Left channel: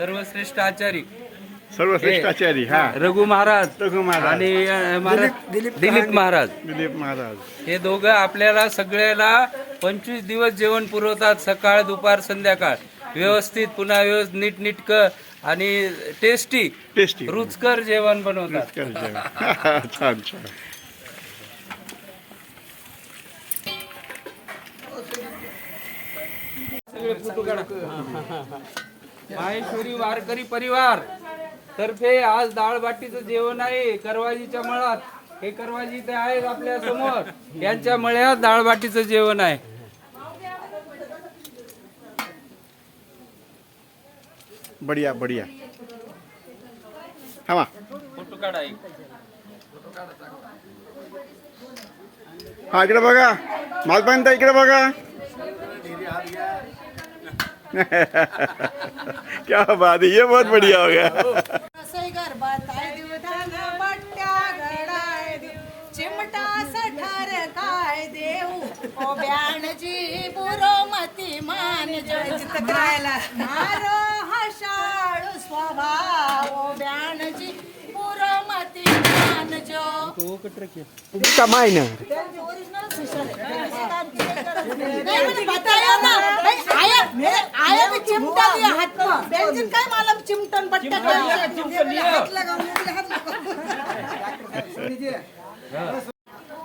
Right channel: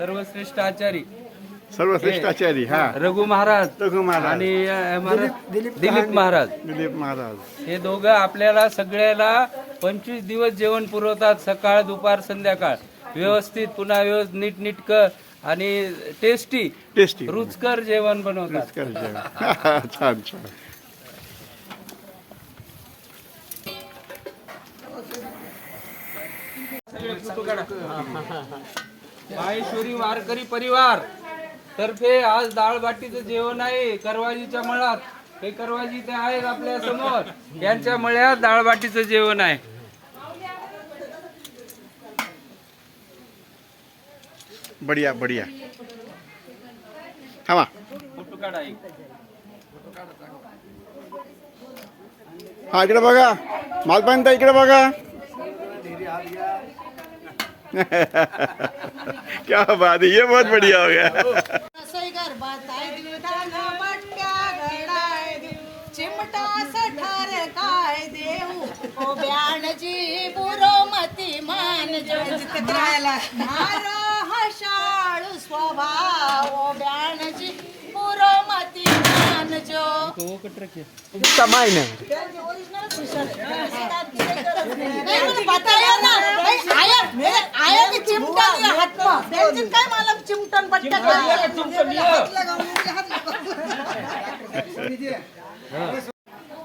सर्वश्रेष्ठ आचारी. सर्वश्रेष्ठ आचार्य हा. रघु महाराज रघु महाराज. आणि अं, महाराज दिलीप महाराज. दिलीप महाराज. हे दोघं आपल्याला सगळ्याला पंचवीस दिवस जेवण पुरवतात सकाळ दुपार संध्याकाळ. व्यवस्थित पुन्हा व्यवस्थित नीटनीटक आणि टेस्टी टेस्टी रुचकर जेवण बनवतात. छान छान. माहेश्वरी वारकरी परिवार. तर्फे आज दाळ बाटीचं जेवण आहे करवाजीच्या मळात. हे करवाजी ते आहेत आपल्यासमोर. यांच्या मळ्यात दाळ बाटीचं जेवण आहे. बढिया बढिया. थांबा. फोटो काढा एक. हा इकडे बघा. मालपाणी इकडे बघा. क्या बात है ये बहुत बढ़िया हो गया। चिमटा सठार काय देऊ। ओ ब्याणजी बुरोमती मान जित करायला। मारो हशाळू स्वभाव ओ ब्याणजी बुरोमती मान जो। कमाई नाही, आया मे आया ते चिमटा लिया हात में. त्यांची काय मला चिमटन लगावून.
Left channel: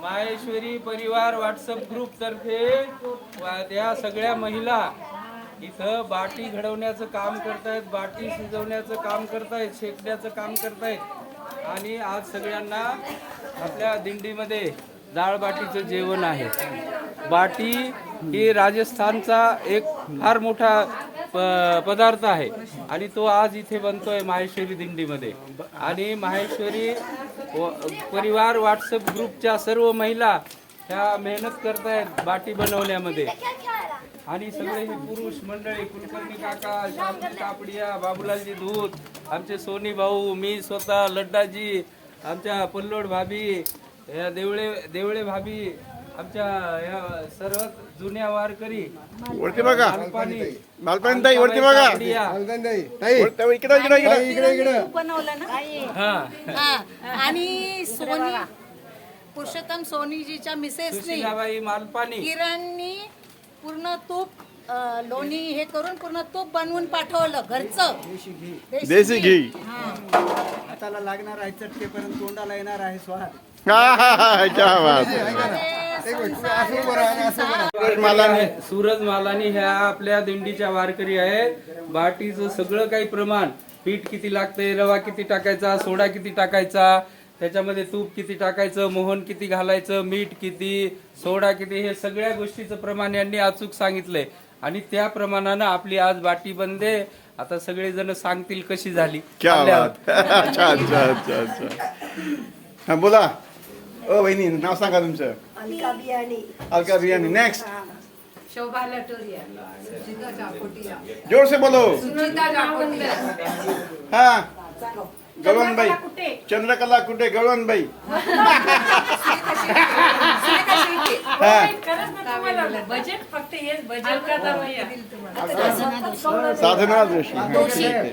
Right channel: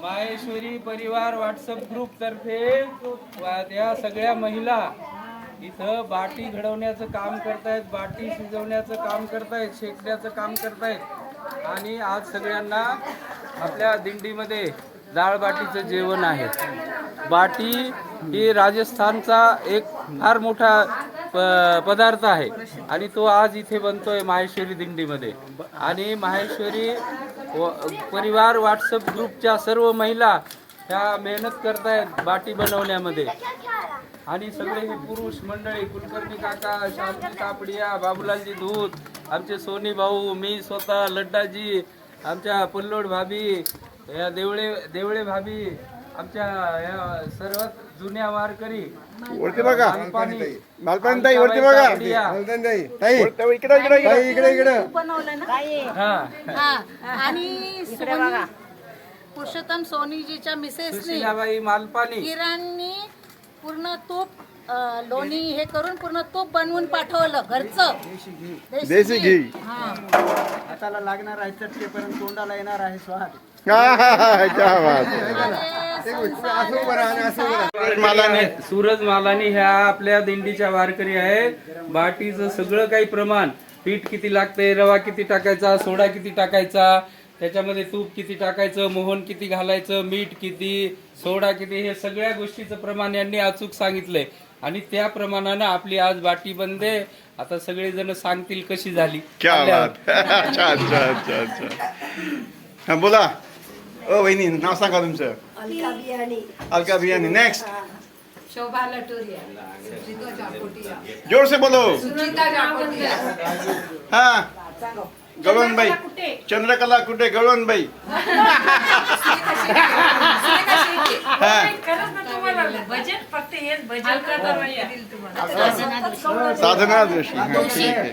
माहेश्वरी परिवार व्हॉट्सअप ग्रुप तर्फे वा- त्या सगळ्या महिला इथं बाटी घडवण्याचं काम करतायत बाटी शिजवण्याचं काम करतायत शेकण्याचं काम करतायत. आणि आज सगळ्यांना आपल्या दिंडीमध्ये डाळ बाटीचं जेवण आहे. बाटी ही राजस्थानचा एक फार मोठा प- पदार्थ आहे. आणि तो आज इथे बनतोय माहेश्वरी दिंडीमध्ये. आणि माहेश्वरी व- परिवार व्हॉट्सअप ग्रुपच्या सर्व महिला ह्या मेहनत करतायत बाटी बनवण्यामध्ये. आणि सगळे हे पुरुष मंडळी कुलकर्णी काका शांती कापडिया बाबुलालजी धूत आमचे सोनी भाऊ मी स्वतः लड्डाजी आमच्या पल्लोड भाभी या देवळे देवळे भाभी आमच्या या सर्व जुन्या वारकरी वरती बघा. मालपाणी ताई वरती बघा. इकडे इकडे इकडे बनवलं ना? हा. हा. आणि सोनी पुरुषोत्तम सोनीजीच्या मिसेसनी सुशीलाबाई मालपाणी किरणनी पूर्ण तूप अ, लोणी हे करून पूर्ण तूप बनवून पाठवलं घरचं. देशी घी. हा. हाताला लागणार आहे चटकेपर्यंत तोंडाला येणार आहे स्वाद. हा, हा, हा, क्या बात है. अरे, संसार- सूरज मालाने सूरज मालानी ह्या आपल्या दिंडीच्या वारकरी आहेत बाटीचं सगळं काही प्रमाण. पीठ किती लागतंय रवा किती टाकायचा सोडा किती टाकायचा त्याच्यामध्ये तूप किती टाकायचं मोहन किती घालायचं मीठ किती सोडा किती हे सगळ्या गोष्टीचं प्रमाण यांनी अचूक सांगितलंय. आणि त्या प्रमाणानं आपली आज बाटी बनते. आता सगळे जण सांगतील कशी झाली. हा बोला. ओ वहिनी नाव सांगा तुमचं. अलका बियाणी. अलका बियानी नेक्स्ट शोभा लटोरिया. जोर से बोलो. सुनीता जाकोटिया. हा. गवळणबाई चंद्रकला कुठे गवळणबाई बजेट फक्त हेच बजेट साधना जोशी. हा ठीक आहे.